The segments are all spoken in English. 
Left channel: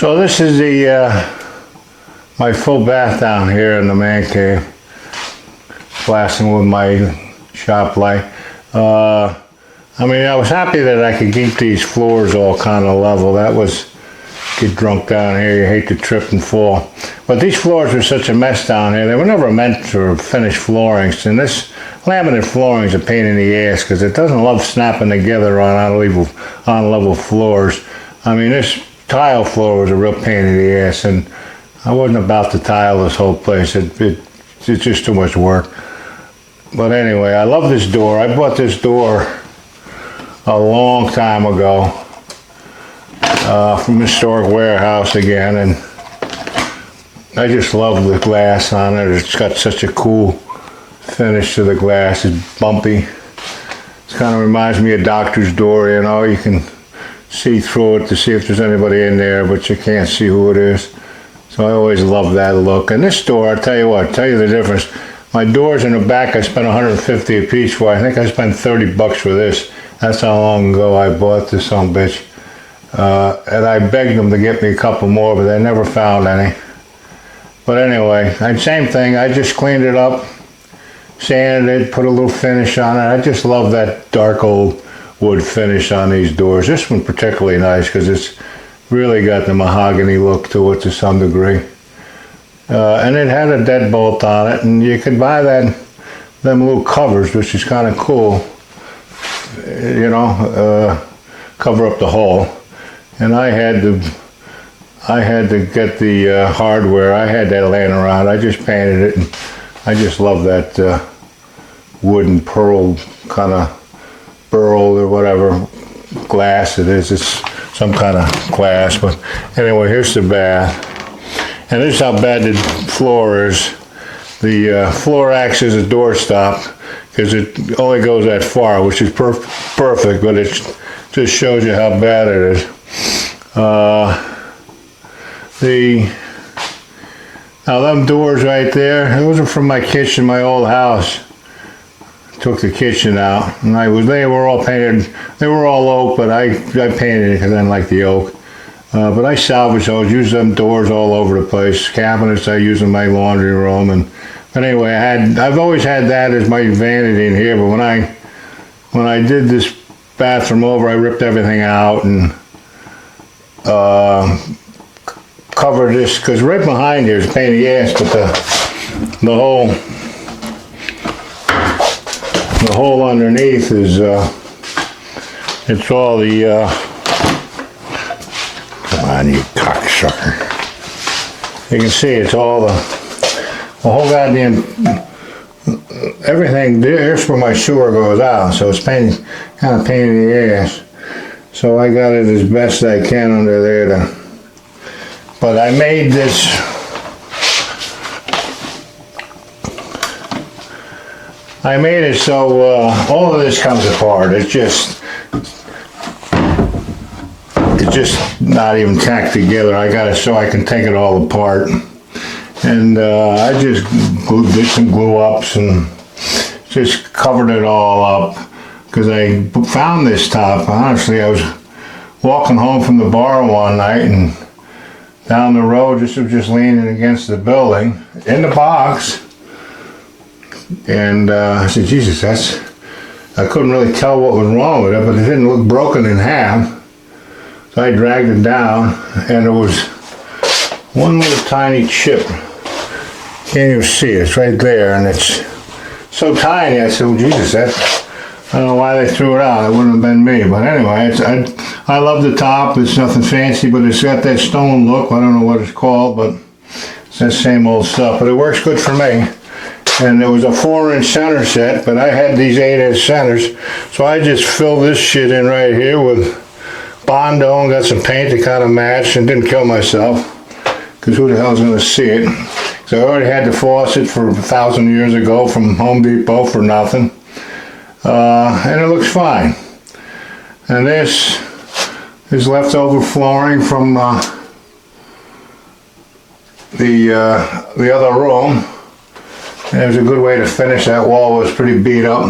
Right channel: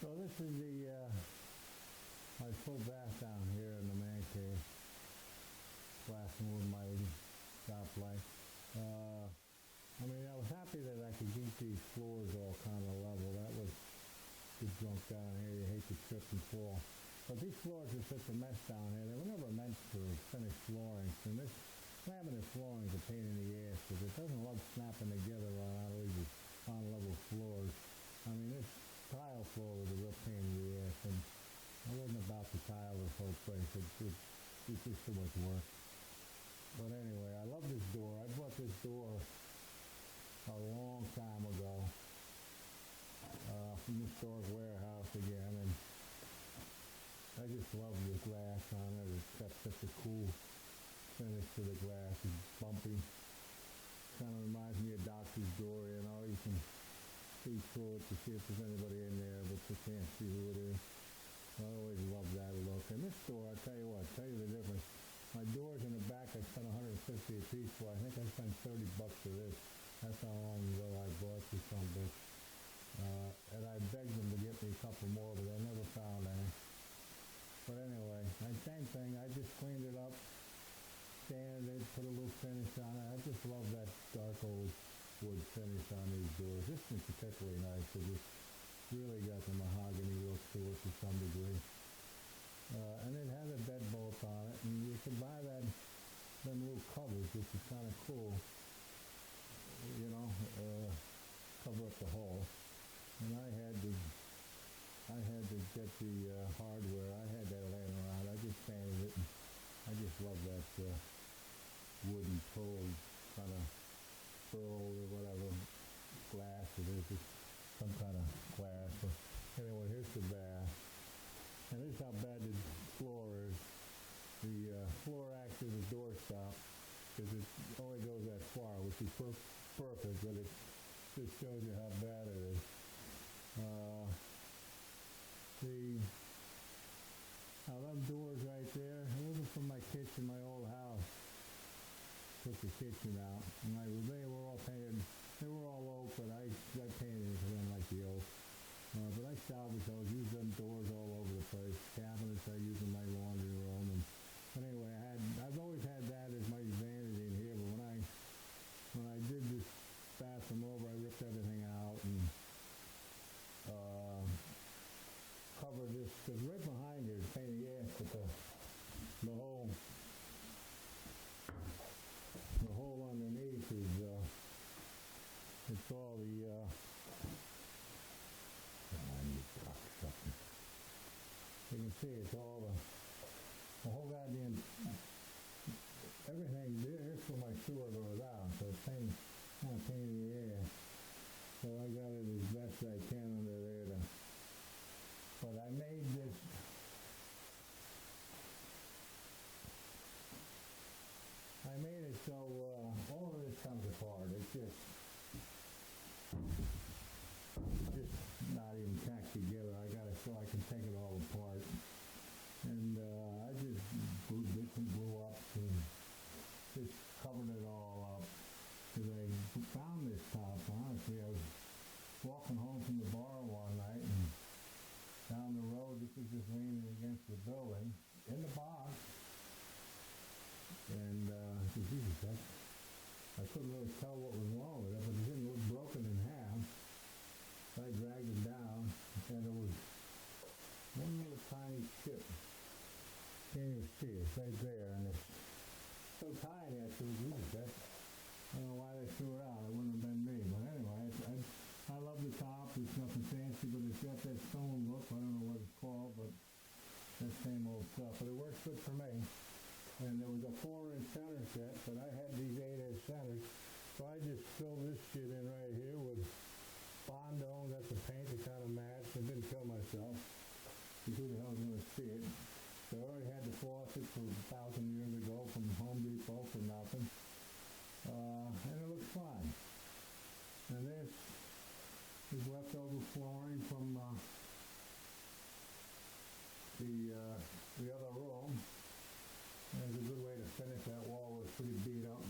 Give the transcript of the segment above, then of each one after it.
So this is the my full bath down here in the man cave. Blasting with my shop light. I mean, I was happy that I could keep these floors all kind of level. That was, get drunk down here, you hate to trip and fall. But these floors were such a mess down here. They were never meant for finished floorings. And this laminate flooring is a pain in the ass because it doesn't love snapping together on on-level floors. I mean, this tile floor was a real pain in the ass, and I wasn't about to tile this whole place. It's just too much work. But anyway, I love this door. I bought this door a long time ago from Historic Warehouse again, and I just love the glass on it. It's got such a cool finish to the glass. It's bumpy. It kind of reminds me of Doctor's door, you know. You can see through it to see if there's anybody in there, but you can't see who it is. So I always love that look. And this door, I'll tell you what, tell you the difference. My doors in the back, I spent $150 a piece for. I think I spent $30 for this. That's how long ago I bought this son of a bitch. And I begged them to get me a couple more, but they never found any. But anyway, same thing. I just cleaned it up, sanded it, put a little finish on it. I just love that dark old wood finish on these doors. This one particularly nice because it's really got the mahogany look to it to some degree. And it had a deadbolt on it, and you could buy them little covers, which is kind of cool, you know, cover up the hole. And I had to get the hardware. I had that laying around. I just painted it, and I just love that wooden pearl kind of burl or whatever glass it is. It's some kind of glass, but anyway, here's the bath. And this is how bad the floor is. The floor acts as a doorstop because it only goes that far, which is perfect, but it just shows you how bad it is. Now them doors right there, those are from my kitchen, my old house. Took the kitchen out, and they were all painted. They were all oak, but I painted it because I didn't like the oak. But I salvaged those, used them doors all over the place. Cabinets I use in my laundry room, but anyway, I've always had that as my vanity in here. But when I did this bathroom over, I ripped everything out and covered this because right behind here is a pain in the ass. But the hole underneath is it's all the come on, you cocksucker. You can see it's all the whole goddamn everything. There's where my sewer goes out, so it's kind of pain in the ass. So I got it as best I can under there but I made this. I made it so all of this comes apart. It's just not even tacked together. I got it so I can take it all apart. And I just did some glue ups and just covered it all up because I found this top. Honestly, I was walking home from the bar one night and down the road, was just leaning against the building in the box. And I said, Jesus, I couldn't really tell what was wrong with it, but it didn't look broken in half. So I dragged it down, and it was one little tiny chip. Can't even see it, it's right there, and it's so tiny. I said, well, Jesus, I don't know why they threw it out. It wouldn't have been me. But anyway, I love the top. It's nothing fancy, but it's got that stone look. I don't know what it's called, but it's that same old stuff. But it works good for me. And it was a 4-inch center set, but I had these 8-inch centers. So I just filled this shit in right here with Bondo and got some paint to kind of match and didn't kill myself. Because who the hell's going to see it? So I already had the faucet for 1,000 years ago from Home Depot for nothing. And it looks fine. And this is leftover flooring from the other room. And it was a good way to finish. That wall was pretty beat up,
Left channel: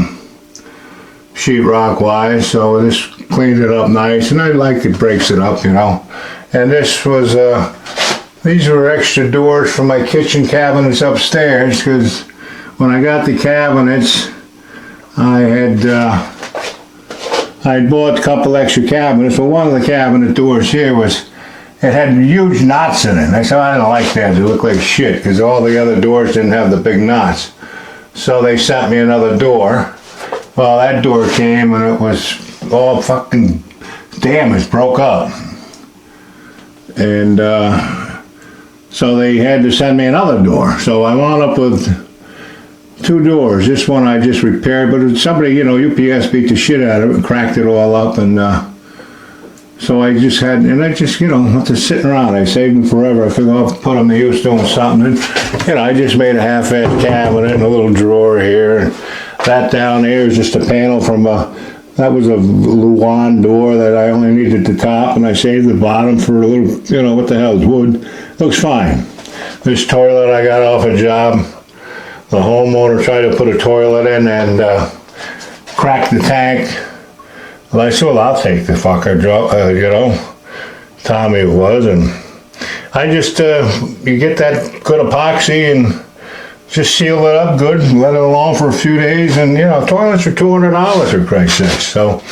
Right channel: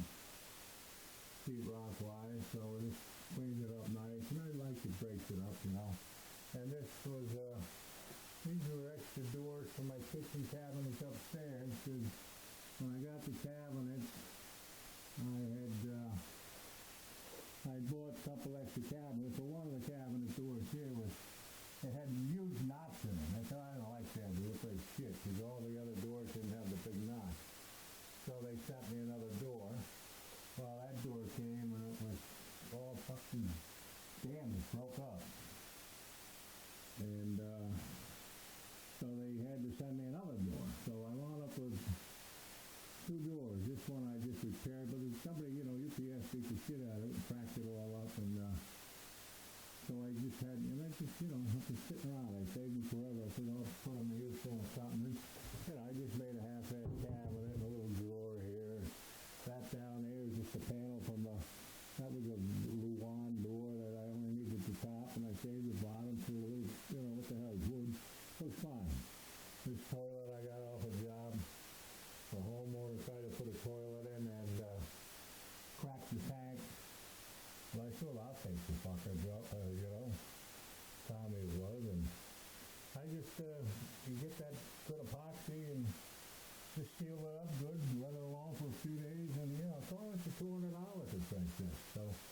sheetrock wise, so this cleaned it up nice. And I like it breaks it up, you know. And this was, these were extra doors for my kitchen cabinets upstairs, because when I got the cabinets, I bought a couple extra cabinets. Well, one of the cabinet doors here it had huge knots in it. I said, I don't like that. They look like shit, because all the other doors didn't have the big knots. So they sent me another door. Well, that door came and it was all fucking damaged, broke up. And so they had to send me another door. So I wound up with 2 doors. This one I just repaired, but somebody, you know, UPS beat the shit out of it and cracked it all up. And so I just, you know, after sitting around, I saved them forever. I figured I'll put them to use doing something. And, you know, I just made a half-ass cabinet and a little drawer here. And that down there is just a panel from that was a Luan door that I only needed the top, and I saved the bottom for a little, you know, what the hell, it's wood. Looks fine. This toilet I got off a job. The homeowner tried to put a toilet in and cracked the tank. Well, I said, well, I'll take the fucker, you know. Tommy it was, and I just, you get that good epoxy and just seal it up good, let it alone for a few days, and you know, toilets are $200 for Christ's sake. So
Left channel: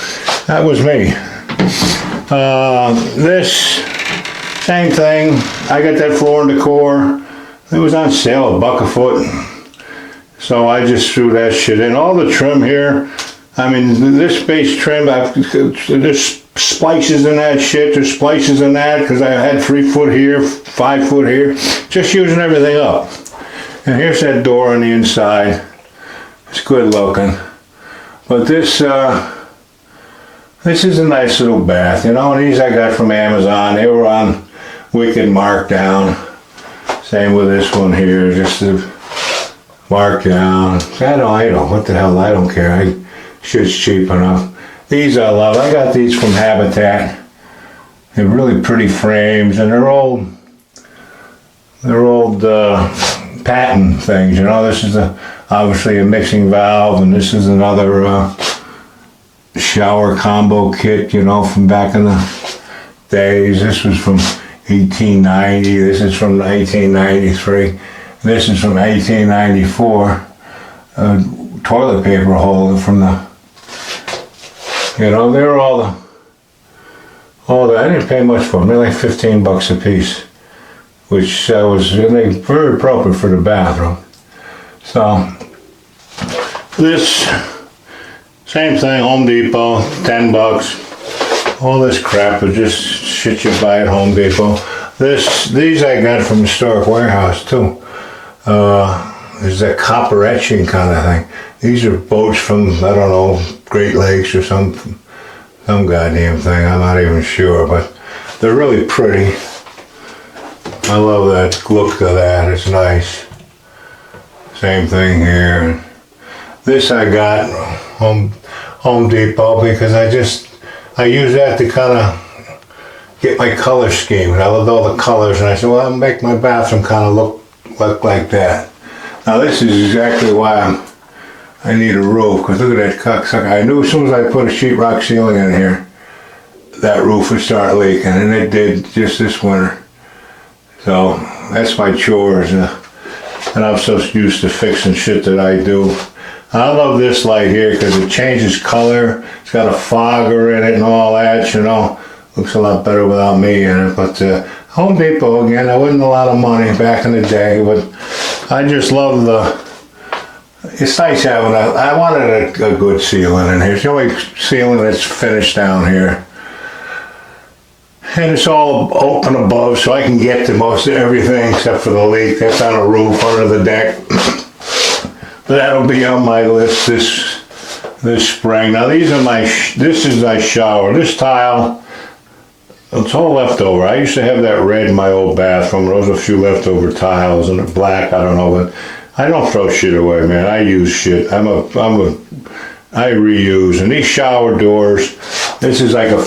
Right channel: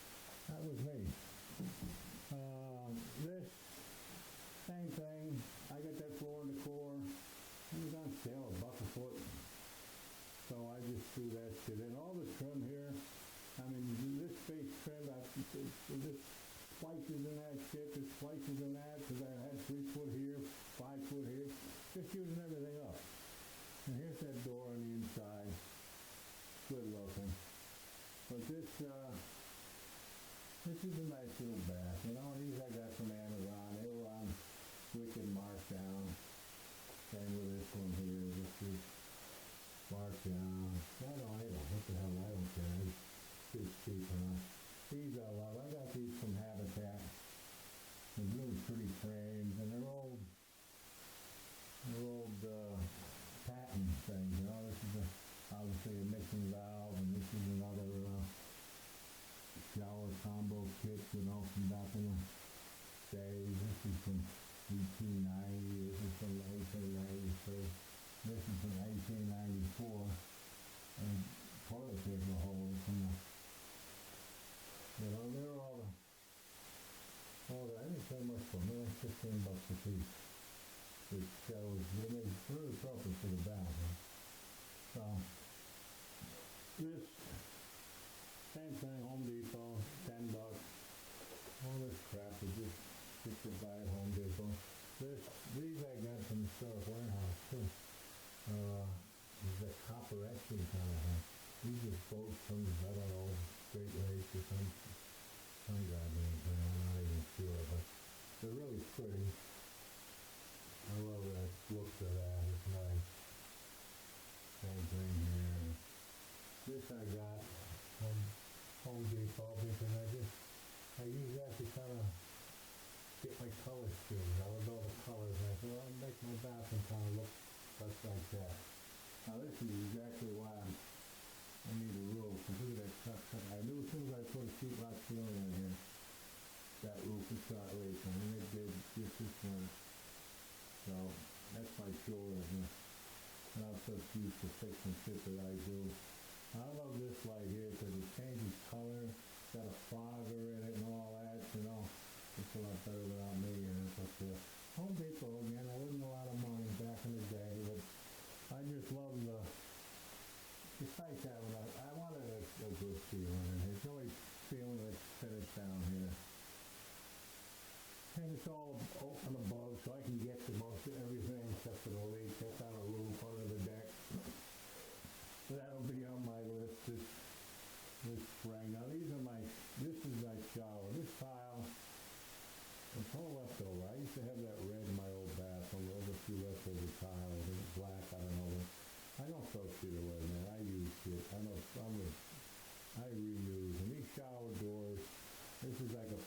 that was me. This, same thing. I got that floor and decor. It was on sale, $1 a foot. So I just threw that shit in. All the trim here, I mean, this base trim, there's splices in that shit, there's splices in that, because I had 3 foot here, 5 foot here, just using everything up. And here's that door on the inside. It's good looking. But this is a nice little bath, you know, and these I got from Amazon. They were on wicked markdown. Same with this one here, just a markdown. I don't, what the hell, I don't care. Shit's cheap enough. These I love. I got these from Habitat. They're really pretty frames, and they're old patent things, you know. This is obviously a mixing valve, and this is another shower combo kit, you know, from back in the days. This was from 1890. This is from 1893. This is from 1894. Toilet paper holder from the, you know, they're all the, I didn't pay much for them. They're like $15 a piece, which was very appropriate for the bathroom. So this, same thing, Home Depot, $10. All this crap is just shit you buy at Home Depot. These I got from Historic Warehouse too. There's that copper etching kind of thing. These are boats from, I don't know, Great Lakes or some goddamn thing. I'm not even sure, but they're really pretty. I love that look of that. It's nice. Same thing here. This I got Home Depot because I use that to kind of get my color scheme. And I loved all the colors, and I said, well, I'll make my bathroom kind of look like that. Now this is exactly why I need a roof, because look at that cocksucker. I knew as soon as I put a sheetrock ceiling in here, that roof would start leaking, and it did just this winter. So that's my chores, and I'm so used to fixing shit that I do. I love this light here because it changes color. It's got a fogger in it and all that, you know. Looks a lot better without me in it. But Home Depot, again, that wasn't a lot of money back in the day, but I just love it's nice having I wanted a good ceiling in here. It's the only ceiling that's finished down here. And it's all open above, so I can get to most of everything except for the leak. That's on a roof under the deck. That'll be on my list this spring. Now these are this is my shower. This tile, it's all leftover. I used to have that red in my old bathroom. There was a few leftover tiles and black, I don't know, but I don't throw shit away, man. I use shit. I reuse. And these shower doors, this is like a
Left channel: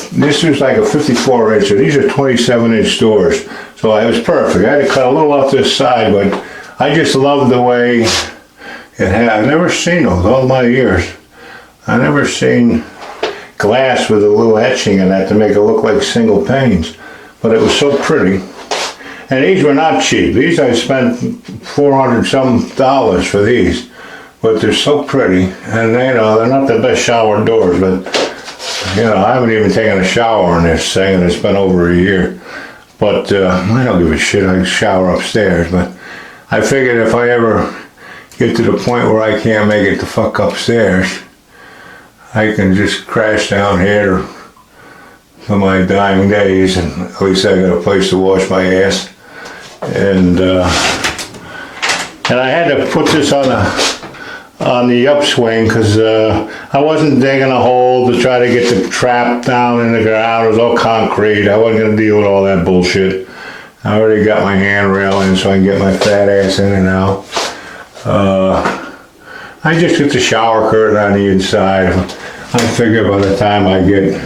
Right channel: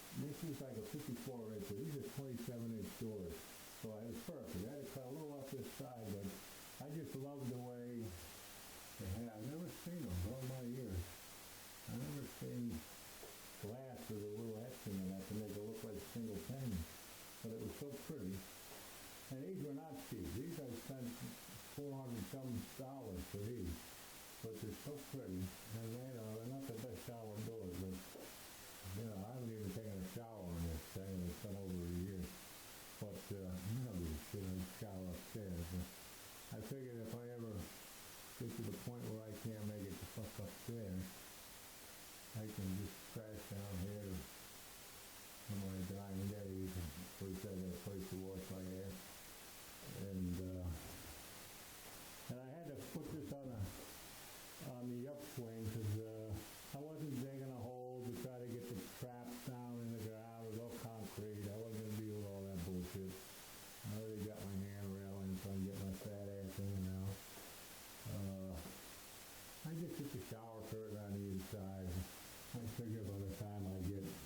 54 inch. These are 27 inch doors. So it was perfect. I had to cut a little off this side, but I just love the way it had. I've never seen those all my years. I never seen glass with a little etching in that to make it look like single panes. but it was so pretty. And these were not cheap. These I spent $400 some for these, but they're so pretty. And you know, they're not the best shower doors, but you know, I haven't even taken a shower in this thing, and it's been over a year. But I don't give a shit. I shower upstairs, but I figured if I ever get to the point where I can't make it the fuck upstairs, I can just crash down here for my dying days, and at least I got a place to wash my ass. And I had to put this on the upswing because I wasn't digging a hole to try to get the trap down in the ground. It was all concrete. I wasn't going to deal with all that bullshit. I already got my handrail in so I can get my fat ass in and out. I just get the shower curtain on the inside. I figure by the time I get,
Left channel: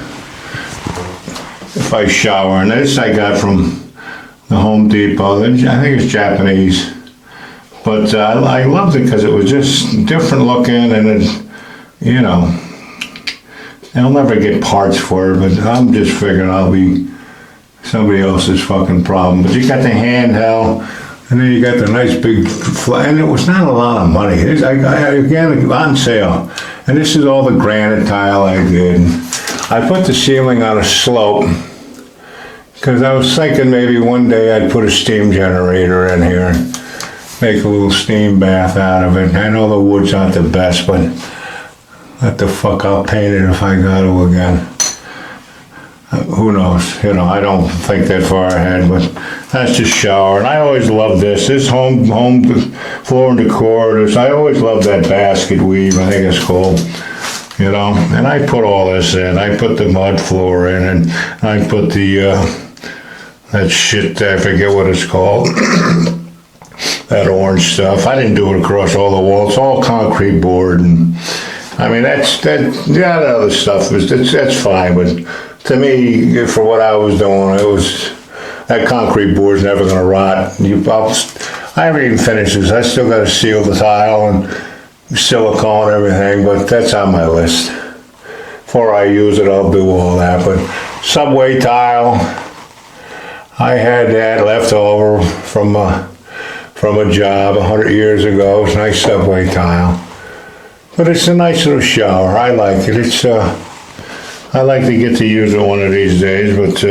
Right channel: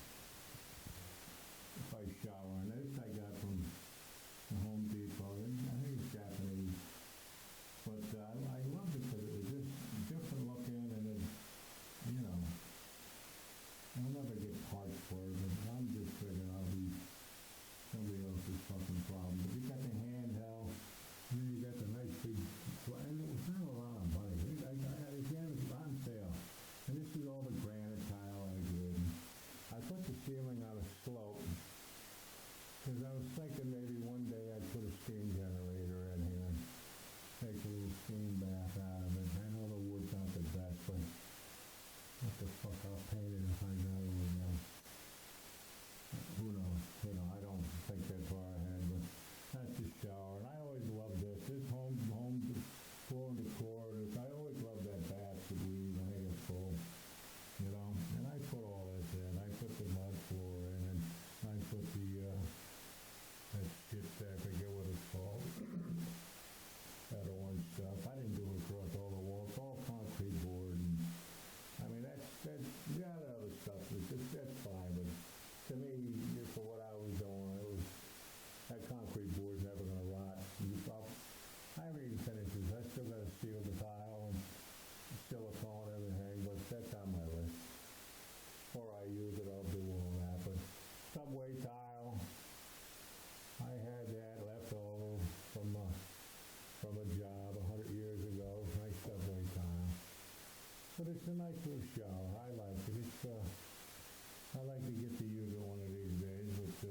if I shower, and this I got from the Home Depot. I think it's Japanese, but I loved it because it was just different looking, and it, you know, I'll never get parts for it, but I'm just figuring I'll be somebody else's fucking problem. But you got the handheld, and then you got the nice big and it was not a lot of money. Again, on sale. And this is all the granite tile I did. I put the ceiling on a slope because I was thinking maybe one day I'd put a steam generator in here and make a little steam bath out of it. I know the wood's not the best, but what the fuck, I'll paint it if I got to again. Who knows? You know, I don't think that far ahead, but that's just shower. And I always loved this. This home floor and decor. I always loved that basket weave, I think it's called. You know, and I put all this in. I put the mud floor in, and I put the that shit, I forget what it's called. That orange stuff. I didn't do it across all the walls. It's all concrete board, and I mean that other stuff that's fine, but to me, for what I was doing, it was that concrete board's never gonna rot. I haven't even finished this. I still got to seal the tile and silicone everything, but that's on my list. Before I use it, I'll do all that. But subway tile, I had that left over from a job 100 years ago. It's a nice subway tile, but it's a nice little shower. I like it. I like to get to use it one of these days, but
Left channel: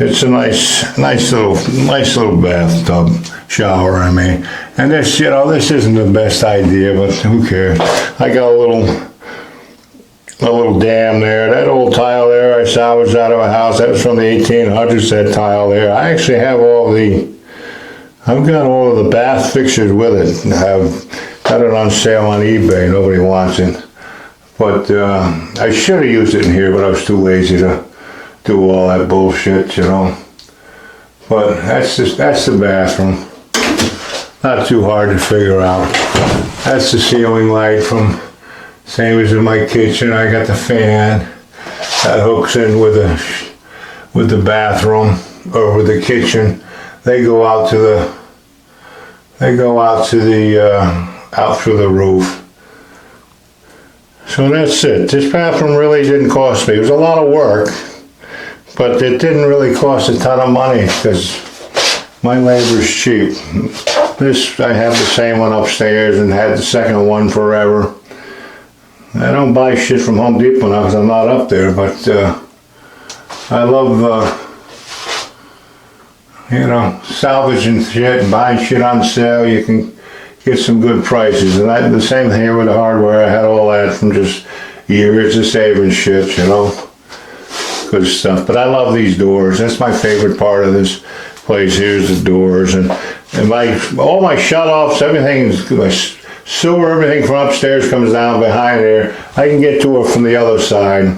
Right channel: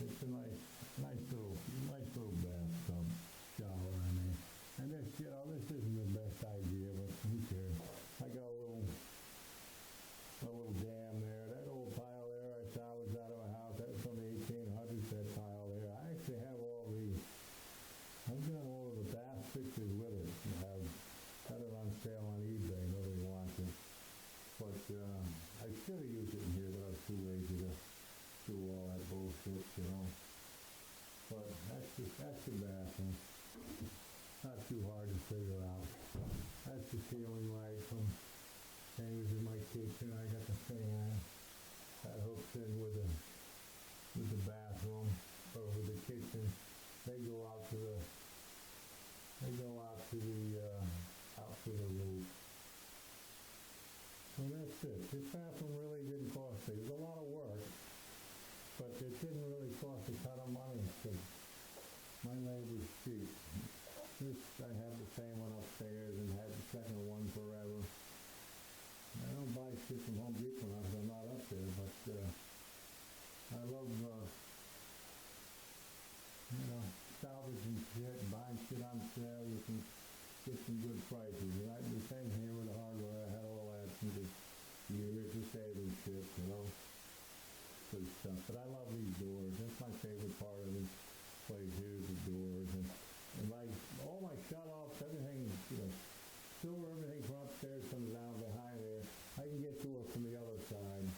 it's a nice little bathtub shower. I mean, and this, you know, this isn't the best idea, but who cares? I got a little dam there. That old tile there I salvaged out of a house. That was from the 1800s. That tile there. I actually have I've got all of the bath fixtures with it. I've got it on sale on eBay. Nobody wants it. But I should have used it in here, but I was too lazy to do all that bullshit, you know. But that's the bathroom. Not too hard to figure out. That's the ceiling light from, same as in my kitchen. I got the fan that hooks in with the bathroom or with the kitchen. They go out out through the roof. So that's it. This bathroom really didn't cost me. It was a lot of work, but it didn't really cost a ton of money because my labor's cheap. This, I have the same one upstairs and had the second one forever. I don't buy shit from Home Depot now because I'm not up there, but I love, you know, salvaging shit and buying shit on sale. You can get some good prices, and the same thing here with the hardware. I had all that from just years of saving shit, you know, good stuff. But I love these doors. That's my favorite part of this place. Here's the doors, and all my shut-offs, everything, my sewer, everything from upstairs comes down behind there. I can get to it from the other side,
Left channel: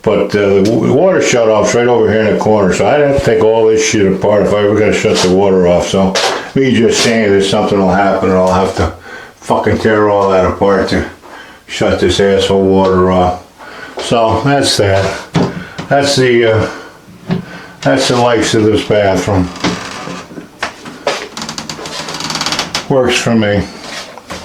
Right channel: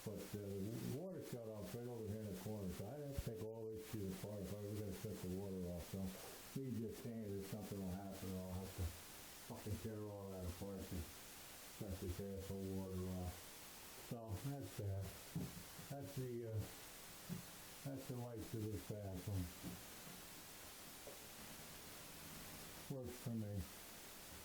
but the water shut-off's right over here in the corner, so I'd have to take all this shit apart if I ever got to shut the water off. So me just saying that something will happen and I'll have to fucking tear all that apart to shut this asshole water off. So that's that. That's the likes of this bathroom. Works for me.